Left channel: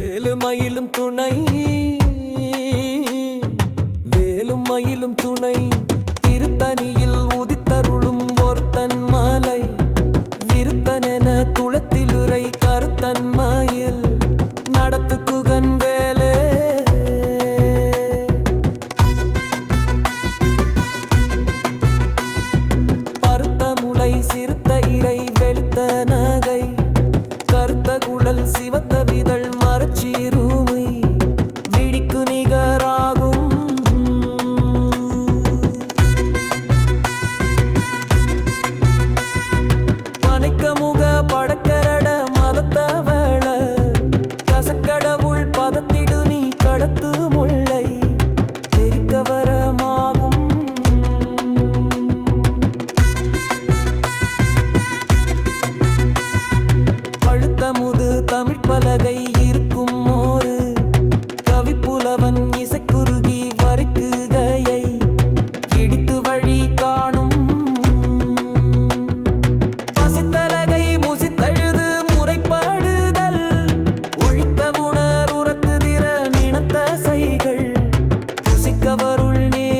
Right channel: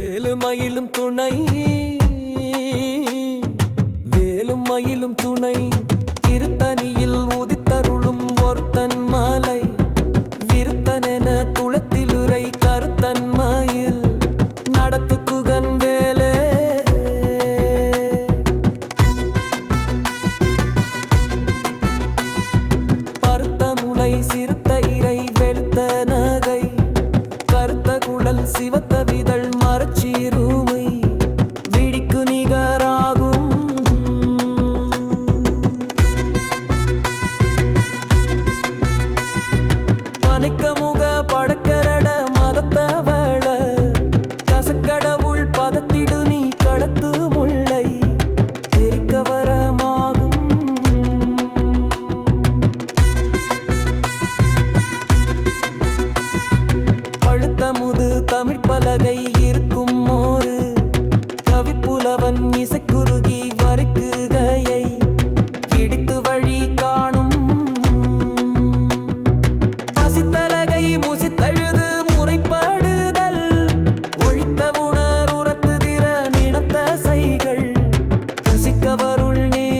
வேலு மயிலும் துணை. வேலும் மயிலும் துணை. திருத்தணியில் உதித்தருளும் ஒருத்தன் மாலை. விருத்தனென குளத்திலுரை கருத்தன் மயில். நடத்து குகன் வேலே. பருத்த முளை சிறுத்த இறை வெளுத்த நகை. கருத்த குழல் சிவத்த விதழ் மரச்சீருமை விடிக்கு நிகராகும். பனைக்க முக படக்கரட மதத்தவள கசக்கடவுள் பதத்திடு நீ கடத்து தமுது தெரிக்கவரமாகும் தமிழ் பலகை இருக்கும் மோரு. கவிப்புலவன் இசைக்குருகி வரைக்குகையை இடித்து வழி காணும். பசித்தலகை முசித்தழுது முறைப்பாடுதல். ஒழித்த உணர் உரத்துதிர நினத்த சைகள். புசிக்கவருள் நேரும்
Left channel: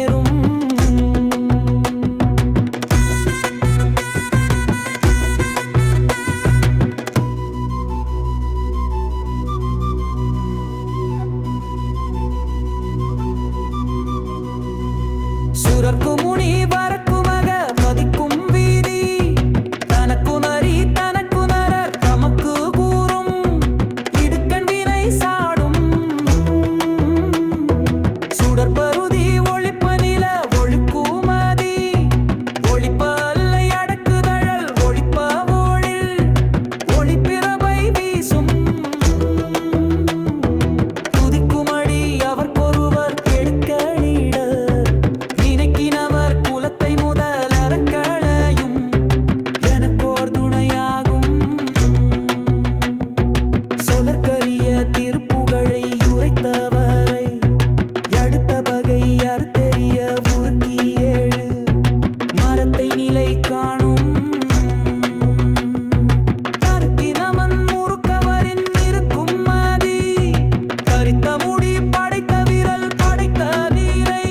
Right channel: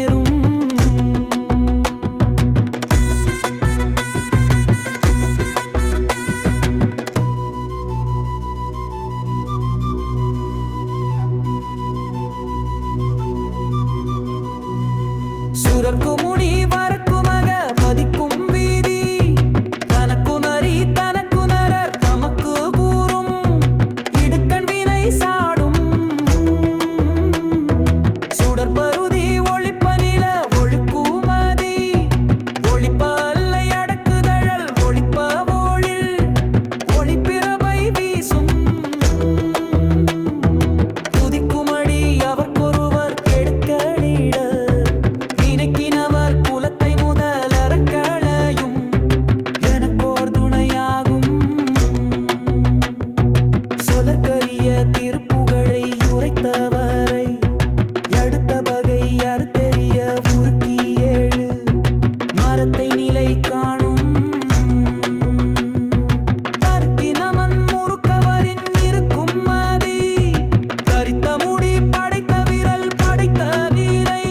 சுரர்க்கு முனி வரக்குமக பதிக்கும் வீதி. தனக்குணரி தனக்குணரர் தமக்கு கூறும் இடுக்கண் வினை சாடும். சுடற்பரு சொலற்கரிய திருப்புகழை உரைத்தவரை அடுத்த பகை அறுத்தெறிய உருக்கி ஏழு மரத்தை நிலை காணும். தர்க்கினமன் முறுக்கவரின் இருக்கும் மதி கரித்த முடி படைத்த விரல் படைத்த வீரை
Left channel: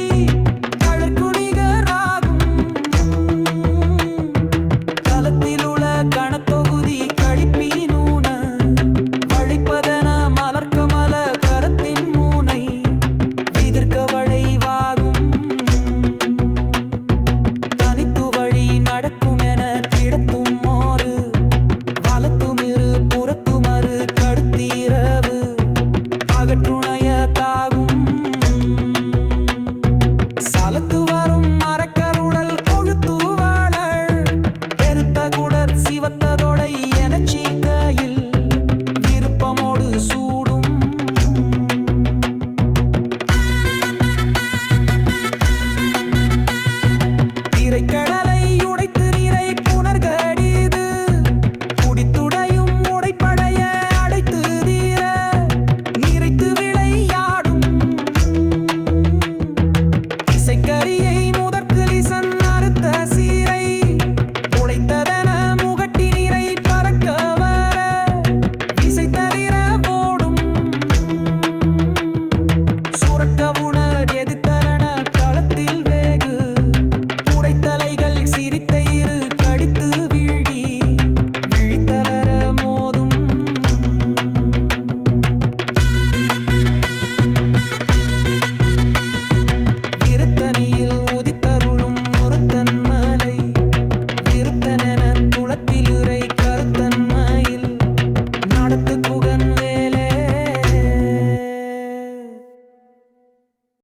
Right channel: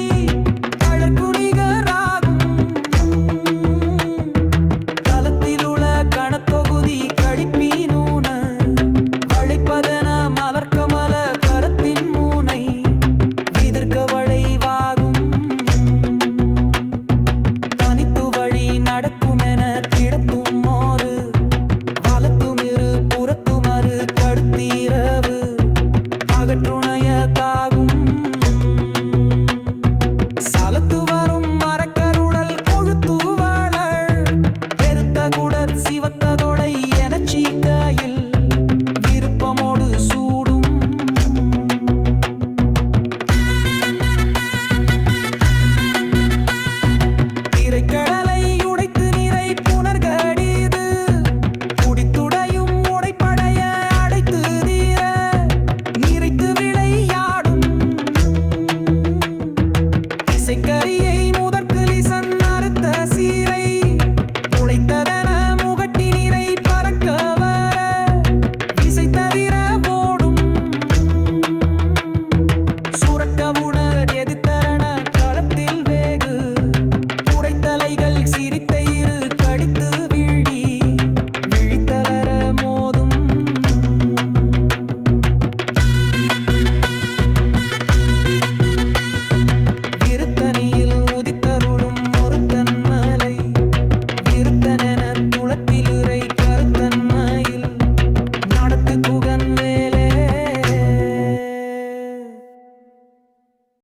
கழற்குணிகராகும் களத்திலுள்ள கணத்தொகுதி கழிப்பினூன வளைப்பதன மலர்க்கமல கரத்தின் மூனை விதிர்க்க வளைவாகும். தனித்து வழி நடக்குமென கிடத்தும் மோறு வலத்துமிரு புறத்துமறு கடுத்தீரவு அகற்றுணைய தாகும். சலத்து வரும் மரக்கருடல் கொழுத்து வாழ பெருத்த குடர் சிவத்ததோடை என சீக்கையில் விருப்பமோடு சூடும். திரைக்கடலை